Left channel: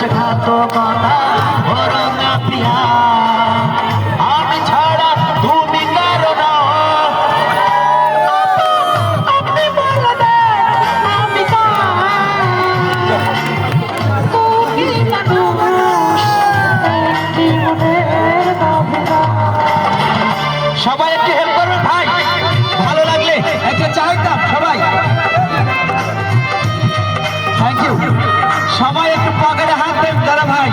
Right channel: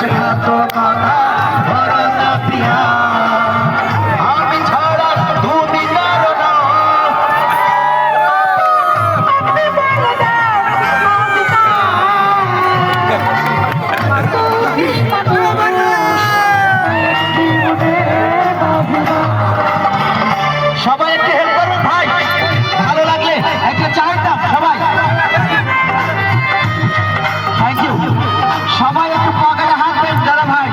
বিশ্বাসঘাতকতা করো না প্রিয়া, আমি ছাড়া তুমি কারো না। সবাই একটু হেল্প করুন ভাই, ভালো লাগলে একটা চায়ের কাপ সবাই। Thank you. সবাই একটু পকেটে হাত দেন দাদা ভাই,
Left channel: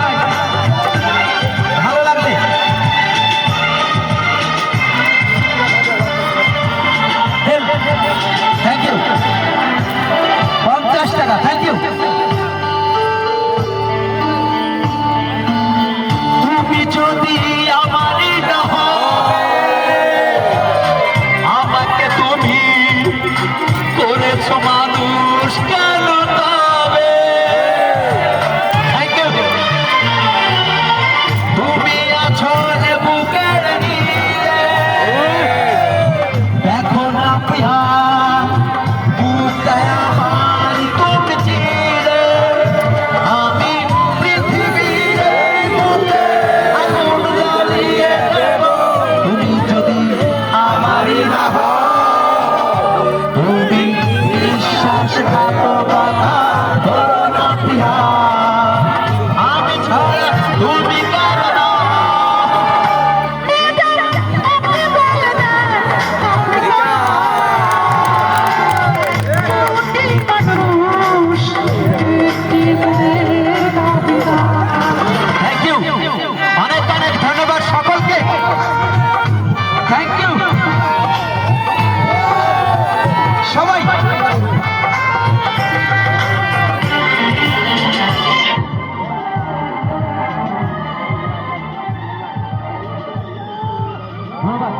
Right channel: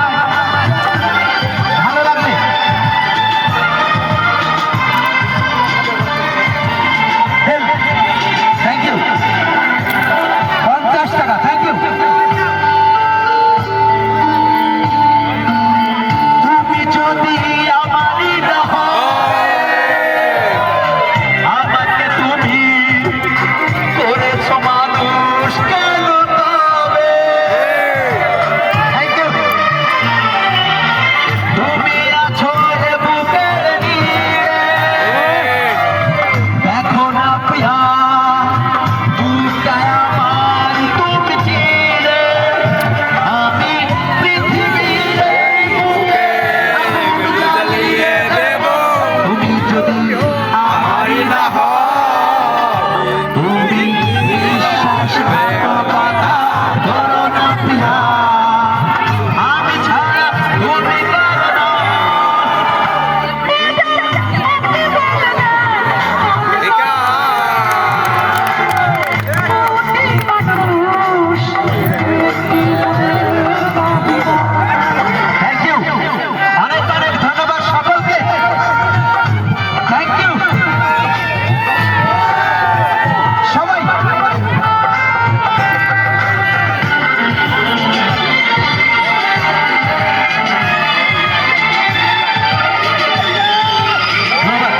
ভালো লাগলে। Thank you. 50 টাকা, থ্যাংক ইউ। তুমি যদি আমারই না হও, আমাকে তুমি করেছো মানুষ কেন তবে? Thank you. তুমি আছো যে বুকের নিচে, দেখো না প্রিয়া বুকে আমার তুমি চিরে, আমি পৃথিবীর এই বুকে আগুন জ্বালিয়ে দেব। তুমি যদি আমারই না হও, তুমি বিশ্বাসঘাতকতা করো না প্রিয়া, আমি ছাড়া তুমি কারো না। থ্যাংক ইউ, অনেক অনেক ধন্যবাদ সকলকে। থ্যাংক ইউ সবাই। ধন্যবাদ,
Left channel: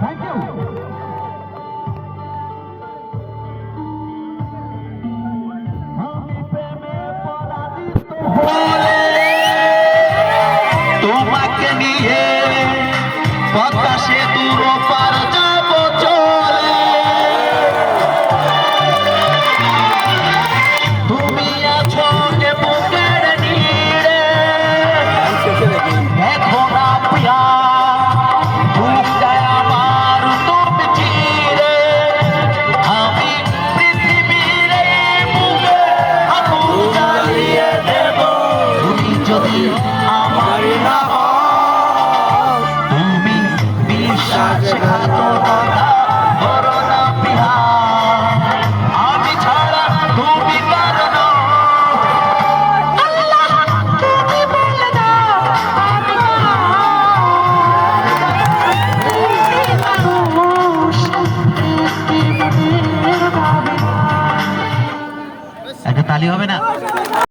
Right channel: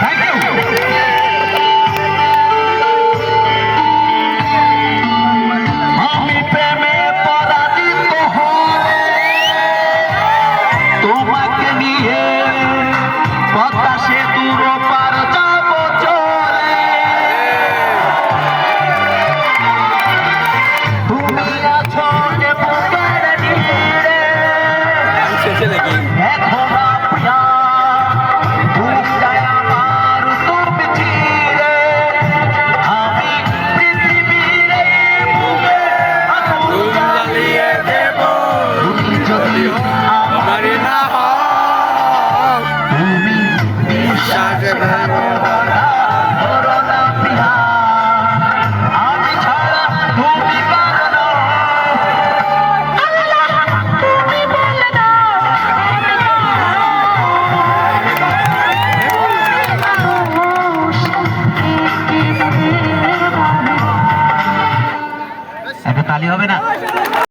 থ্যাংক ইউ। আমি প্রেমে পরাজিত হলে তোমাকে নিয়ে পদ্মা সেতুর পার যাব চলে। তুমি আছো যে বুকের নিরে, দেখো না প্রিয়া বুকটায় আমার তুমি চিরে, আমি পৃথিবীর এই বুকে আগুন জ্বালিয়ে দেব। তুমি যদি আমারই না হও, তুমি বিশ্বাসঘাতকতা করো না প্রিয়া, আমি ছাড়া তুমি কারো না। একটা তালি হবে না?